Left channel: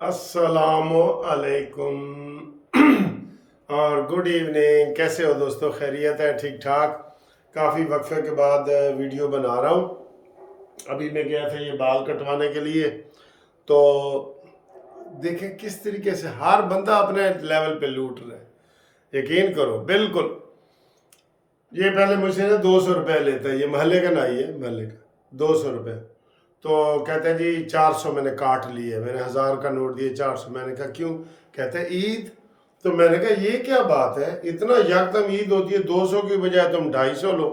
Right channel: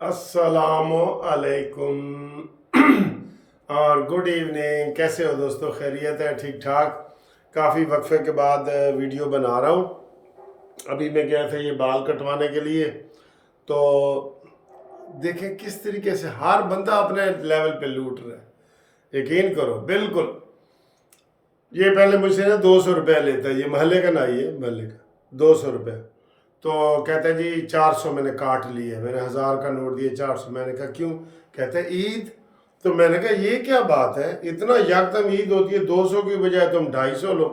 अस्सलाम अलैकुम और गुड इवनिंग। कैसे हो दोस्तों? खैरियत है? ठीक ठाक। काफ़ी वक्फे के बाद वीडियो बना रहा हूँ। अभी मैं गया था ये बाल कटवाने के लिए, तो देखें किस तरीके से हर बंदा अपने लेवल पे लूट रहा है। यकीन करो, बिल्कुल। ये पहले मुझसे ना 200 रुपया लेता है, ये महल्ले का नाई है, महल्ले का 200 रुपये। तो कहते हैं जी 400 मैंने काट लिए। मैंने 1000 का नोट दिए, 400। मैंने कहा क्यों? कहते हैं ईद। तो मैंने कहा ये क्या बात है, इतना यकदम ईद होती है, 200 की बजाय तुम 250 लो।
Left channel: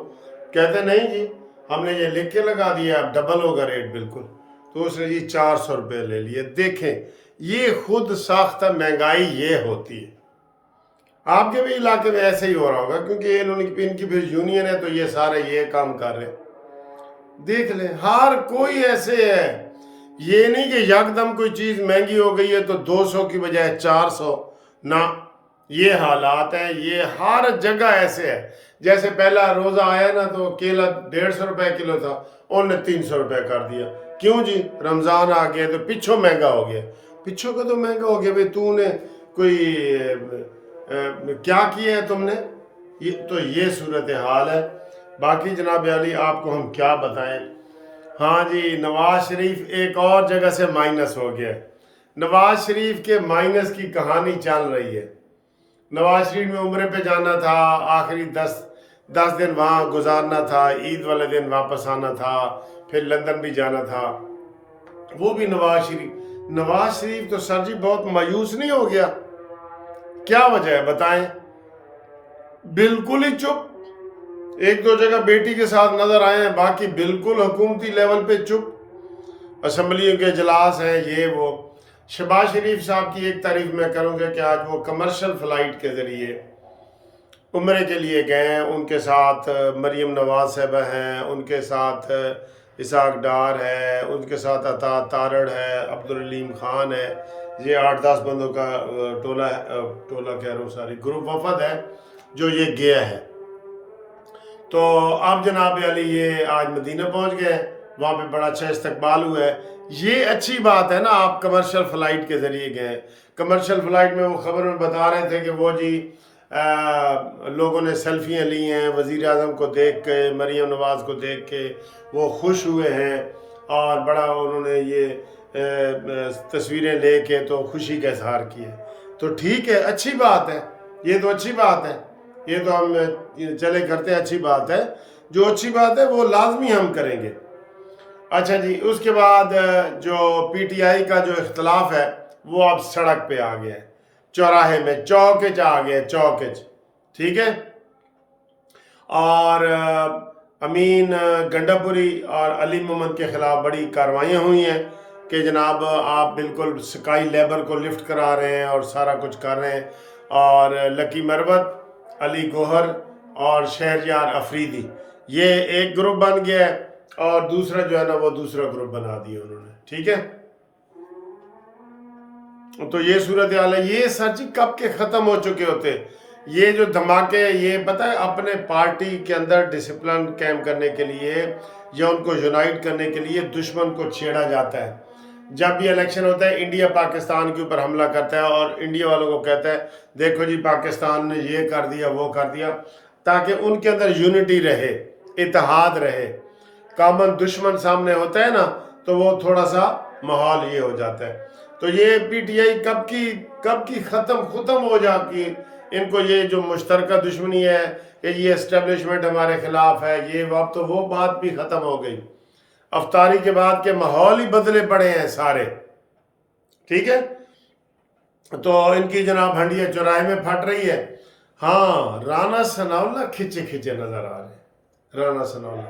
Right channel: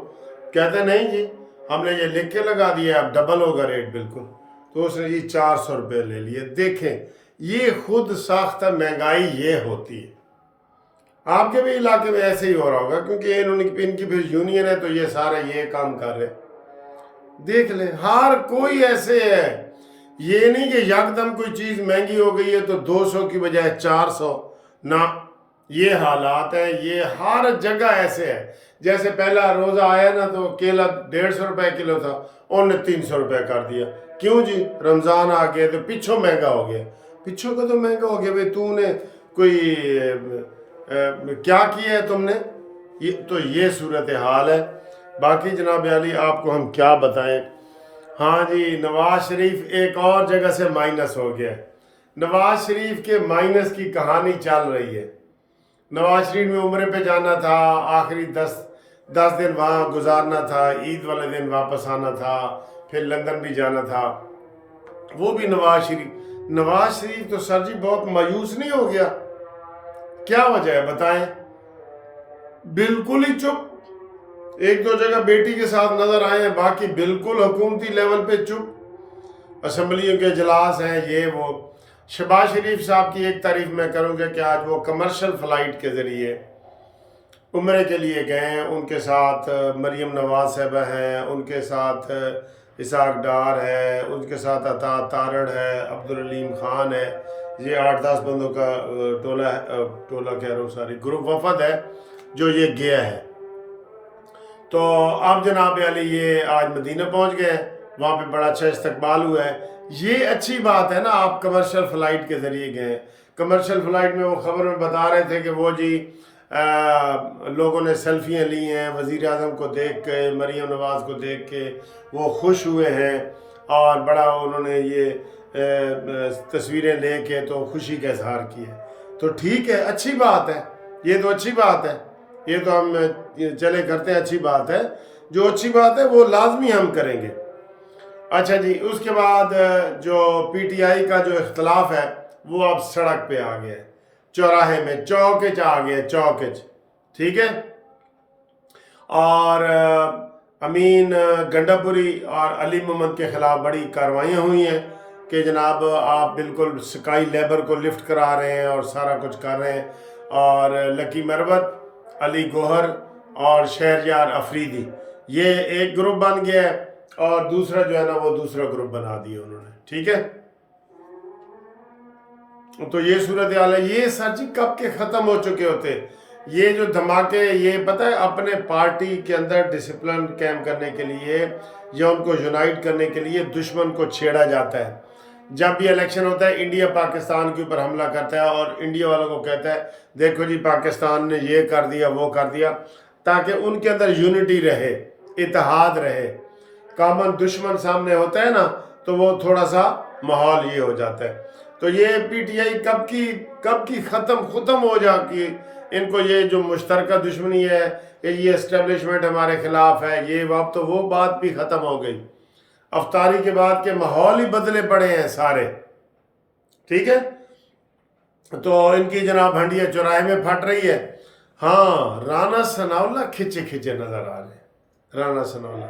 कहते हैं नहीं जी, हमने ये लिख के लगा दिया, अब डबल होगा रेट बिल्कुल। तो उसने जी 400 रुपये ले लिए। देखें, ये खुद साख्ता महंगाई ये होती है। आपके भी इलाके में ऐसे ही हो रहा होगा, क्योंकि इनकी फिर यूनियन है, तो ये सारे ये काम कर रहे हैं। देख ले, हर कोई ऐसे है। ये नहीं कि यकदम कोई चीज़ महंगी हो गई है तो 200 की बजाय 400 ना। ये हालात हैं, ये हर जगह ऐसे है। जैसे पहला रोज़ा आया ना, तो केला 150 रुपए किलो था, उन्होंने 300 रुपये कर दिया। क्यों जी? रमज़ान आ गया तो पिछों महंगा हो गया। पिछों का तो महंगा हो गया भाई, तूने कोई क्या किया है तुमने? ये सूरत हाल है। बाकी जनाब अली आपको हम क्या बताएं। हाँ जी, नवाज शरीफ एक और जगह से माइनस हो गया है। नवाज शरीफ के माइनस की कहानी चल रही है। नवाज शरीफ में उम्रे पे जाना था, आखिरी 10 दिन वहाँ गुजारना था, ईद वाले दिन वापस आना था, फिर लंदन भी जाना था। वो भी नवाज शरीफ तो सर जी बहुत मायूस नहीं हो गया? क्या वजह है बताएं? बिल्कुल ही चुप। एक दो जगह बेटी के साथ नजर आए हैं, बाकी बिल्कुल हुकूमती लेवल पे चुप। असम्बलियों के इजलास हैं, ये वो। शहबाज शरीफ साहब की एक तारीफ मैं करूँगा कि आज वो कमर्शियल फ़्लाइट के ज़रिए उम्रे के लिए गए हैं। उनके साथ मरीम नवाज साहबा हैं, उनके साथ इसाक डार है, उनके साथ अता तारड़ है, अब्दुल अलीम ख़ान है। ये 8-10 बंदों का टोला कह रहा हूँ, सारी ग्रुप वफद है जो ये गया है। तो अब जनाब अली ये आज मदीना पहुंच गए, वहाँ पे बड़ा अच्छा इस्तकबाल हुआ है। ये अच्छी बात है ना, आप कमर्शियल फ़्लाइट के ज़रिए गए। कमर्शियल फ़्लाइट में वो ख़बर में बता रहे थे कि वो जी लोगों ने सेल्फियाँ ली हैं वज़ीर आज़म को देख के, मरीम नवाज़ को देख के वो खुश हुए हैं, और बड़ा उन्होंने ये तस्वीरें ले के तो खुशी का इजहार किया। तो ठीक है, अच्छी बात है, ये तो अच्छी बात है। ये तो हम चले करते हैं, अच्छी बात है। जो अच्छी बात है वो लाजमी हम करेंगे। अच्छा जी, उसके बाद जो पीटीआई का जो इख्तलाफ है वो अब सड़क पे आ गया है, चौराहे में चौकिच आ गया, चौकिच। ठीक है। और अमीन गंडापुरी और अली मोहम्मद के ख़िलाफ़ बड़ी कार्रवाइयाँ हुई हैं कि जनाब आप बिल्कुल स्काई लेबर को लिफ्ट करा रहे हैं और सारा कुछ कर रहे हैं। और लकी मरवत, अली गोहर और शहरयार अफरीदी, ये एक ग्रुप बन गया है, और दूसरा जो है ना वो दूसरा ग्रुप बना दिया उन्होंने। ठीक है। तो ये सूरत हाल है। ये सर जी कब के ख़त्म हो चुके होते ये जो धमाके। ये पता है, अपने पार्टी के अंदर डिसिप्लिन कायम करने के लिए या उनको यूनाइट करने के लिए दुश्मन को छेड़ा जाता है। जब भी इलेक्शन होता है, इंडिया पाकिस्तान के ऊपर हमला करता है और इंडिया वालों को कहता है देखो जी पाकिस्तान ने ये कर दिया वो कर दिया, ताकि उनके अंदर यूनिटी रहे, इत्तेहाद रहे। कॉमन दुश्मन सामने होता है ना, तो वो थोड़ा सा माहौल ये हो जाता है। तो ये पीटीआई कब की ख़त्म हो जाती है। इनको ये जो मुश्तरका दुश्मनी है कि ये एस्टेब्लिशमेंट हमारे ख़िलाफ़ है, ये अब तो वो बात भी ख़त्म हो गई। अफ्तारी के बाद के माहौल ही बदले पड़े हैं सारे। ठीक है। तो इनकी जनाब हंडिया चौराहे में फट रही है। हाँ, राना सनाउल्ला खिंचे खिंचे नज़र आ रहे हैं। राना सनाउल्ला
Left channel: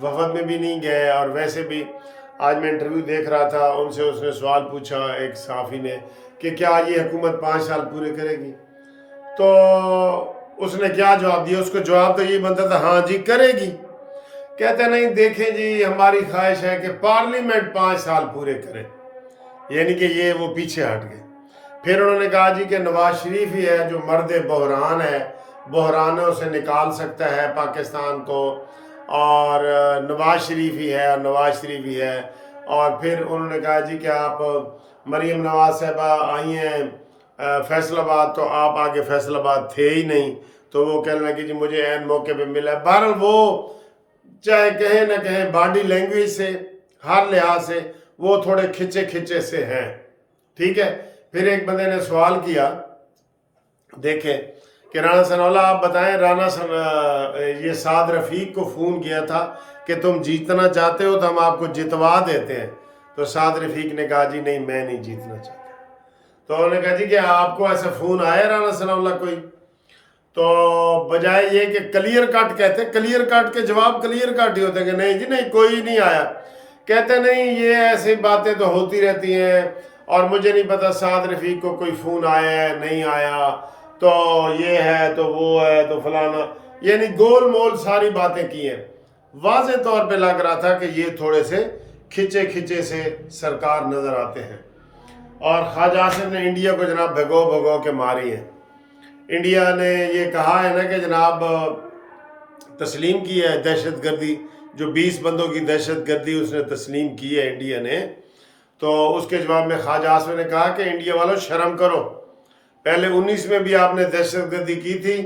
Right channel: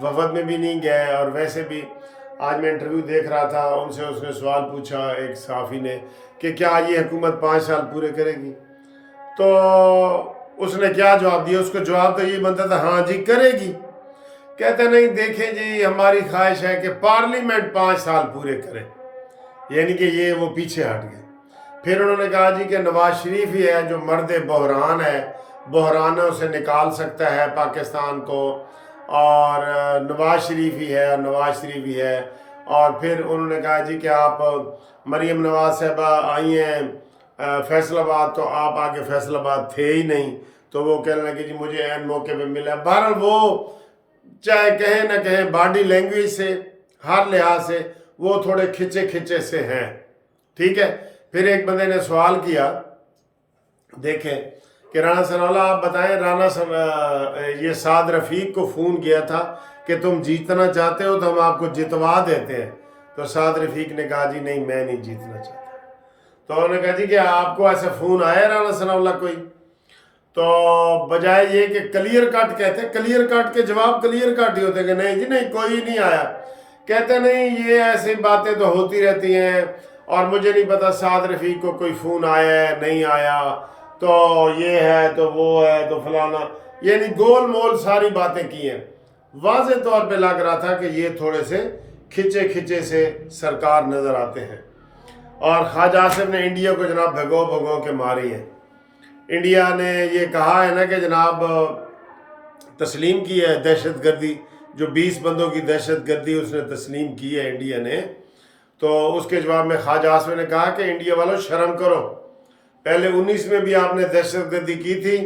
वफद में भी नहीं गए, और वैसे भी आज मैं इंटरव्यू देख रहा था उनसे, उसने सवाल पूछा एक सहाफ़ी ने कि क्या ये हुकूमत 5 साल पूरे करेगी। तो उसने क्या जवाब दिया? उसको जवाब तो ये बनता था हाँ जी करेगी। कहते नहीं, देखें जी हमारी ख्वाहिश है कि पार्लियामेंट 5 साल पूरे करे। यानी कि ये वो पीछे हट गए। फिर उन्होंने कहा जी कि नवाज शरीफ ही है जो मर्द बहरान है, बहरानों से निकाल सकता है पाकिस्तान को, और नवाज शरीफ ही है, और नवाज शरीफ ही है। اور پھر انہوں نے کہا جی کہ آپ مریم نواز صاحبہ آئی ہیں فیصل آباد، تو آپ آگے فیصل آباد تھے ہی نہیں، تو وہ کہنے لگے جی مجھے عین موقع پہ ملا۔ بہرحال وہ چاہے کہیں نہ کہیں باڈی لینگویج سے ہر لحاظ سے وہ تھوڑے کھچے کھچے سے ہیں، ٹھیک ہے۔ پھر ایک بندے نے سوال کیا، دیکھیں کہ رانا ثناء اللہ آپ بتائیں، یہ سعد رفیق کو فون کیا تھا کہ تم جیتنا چاہتے ہو تو ہم آپ کو جتوا دیتے ہیں، تو سعد رفیق نے کہا جی نہیں میں نہیں جیتنا چاہتا۔ تو انہوں نے کہا جی کہ آپ کو ایسا فون آیا رانا ثناء اللہ کوئی؟ تو بجائے یہ کہ کلیئر کٹ کہتے، کلیئر کٹ کے جواب کلیئر کٹ ہی ہوتے کہ نہیں جی نہیں کوئی نہیں آیا، کہتے نہیں یہ ایسی باتیں تو ہوتی رہتی ہیں اور مجھے نہیں پتا سعد رفیق کو کوئی فون آیا ہے نہیں آیا، تو یہ ہے تو وہ ہے تو فلانا، یعنی گول مول ساری باتیں کی ہیں۔ واضح طور پہ لگ رہا تھا کہ یہ تھوڑے سے کھچے کھچے سے سرکار نظر آتے ہیں، اور خواجہ آصف نے انڈیا کو جناب بھگو بھگو کے ماری ہیں۔ انڈیا نے یہ کہا ہے نا کہ جناب تسلیم کی ہے دہشت گردی، جو 20 بندوں کی دہشت گردی اس نے تسلیم کی ہے انڈیا نے، تو اس کے جواب میں خواجہ آصف نے کہا کہ انڈیا والوں شرم کرو، پہلے 19 میں بھی آپ نے دہشت گردی کی تھی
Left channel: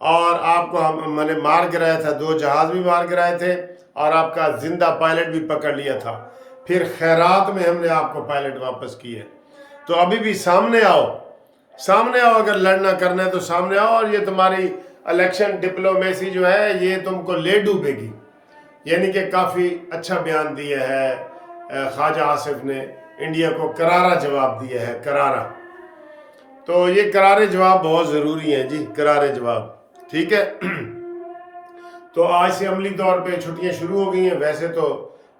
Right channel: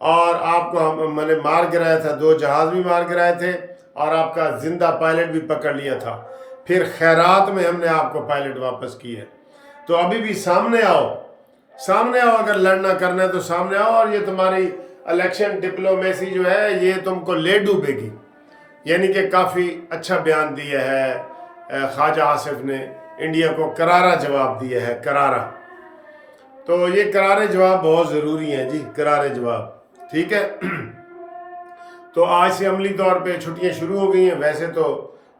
اور آپ کو میں نے مار گرایا تھا، 2 جہاز بھی مار گرائے تھے اور آپ کا زندہ پائلٹ بھی پکڑ لیا تھا، پھر خیرات میں ہم نے آپ کو پائلٹ واپس کی ہے، تو ابھی بھی سامنے آؤ اگر لڑنا کرنا ہے تو سامنے آؤ، اور یہ تمہاری الیکشن ڈپلومیسی جو ہے یہ تم کو لے ڈوبے گی۔ یعنی کہ کافی اچھا بیان دیا ہے خواجہ آصف نے، انڈیا کو کرارا جواب دیا ہے، کرارا۔ تو یہ کرارے جواب بہت ضروری ہیں جی، کرارے جواب، ٹھیک ہے۔ تو آج سے عملی طور پہ چھٹیاں شروع ہو گئی ہیں، ویسے تو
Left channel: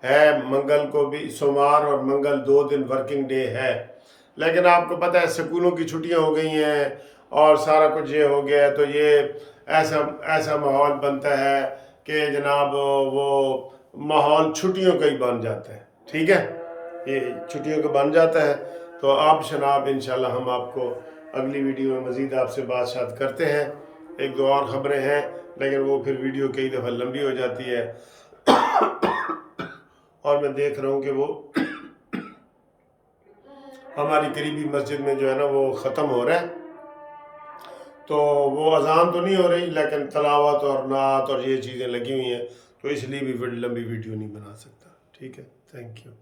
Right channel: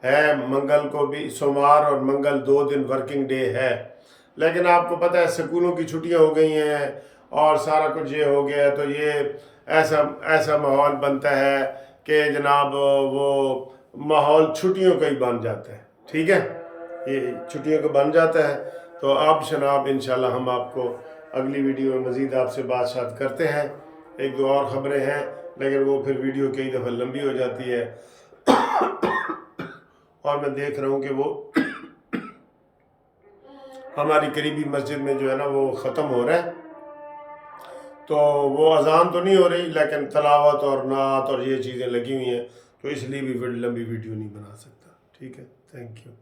ہے منگل کو بھی، سوموار اور منگل 2 دن ورکنگ ڈے ہے، لیکن آپ کو پتہ ہے سکولوں کی چھٹیاں ہو گئی ہیں اور سارا کچھ یہ ہو گیا ہے، تو یہ ایسا ماحول بنتا ہے کہ جناب وہ ماحول چھٹیوں کا ہی بن جاتا ہے، ٹھیک ہے، یہ چھٹیوں کا بن جاتا ہے۔ تو آپ جناب انشاءاللہ ہم آپ کو اگلی ویڈیو میں مزید آپ سے بات کرتے ہیں، 1-2 اور خبریں ہیں لیکن وہ پھر ویڈیو کئی دفعہ لمبی ہو جاتی ہے، اور میں دیکھ رہا ہوں کہ وہ ہماری قریبی مسجد میں جو ہے نا وہ ختم ہو رہا ہے، تو وہ اذان تو نہیں ہو رہی لیکن تلاوت اور نعت اور یہ چیزیں لگی ہوئی ہیں، تو اس لیے بھی لمبی ویڈیو نہیں بنا سکتا، ٹھیک ہے، تھینک یو۔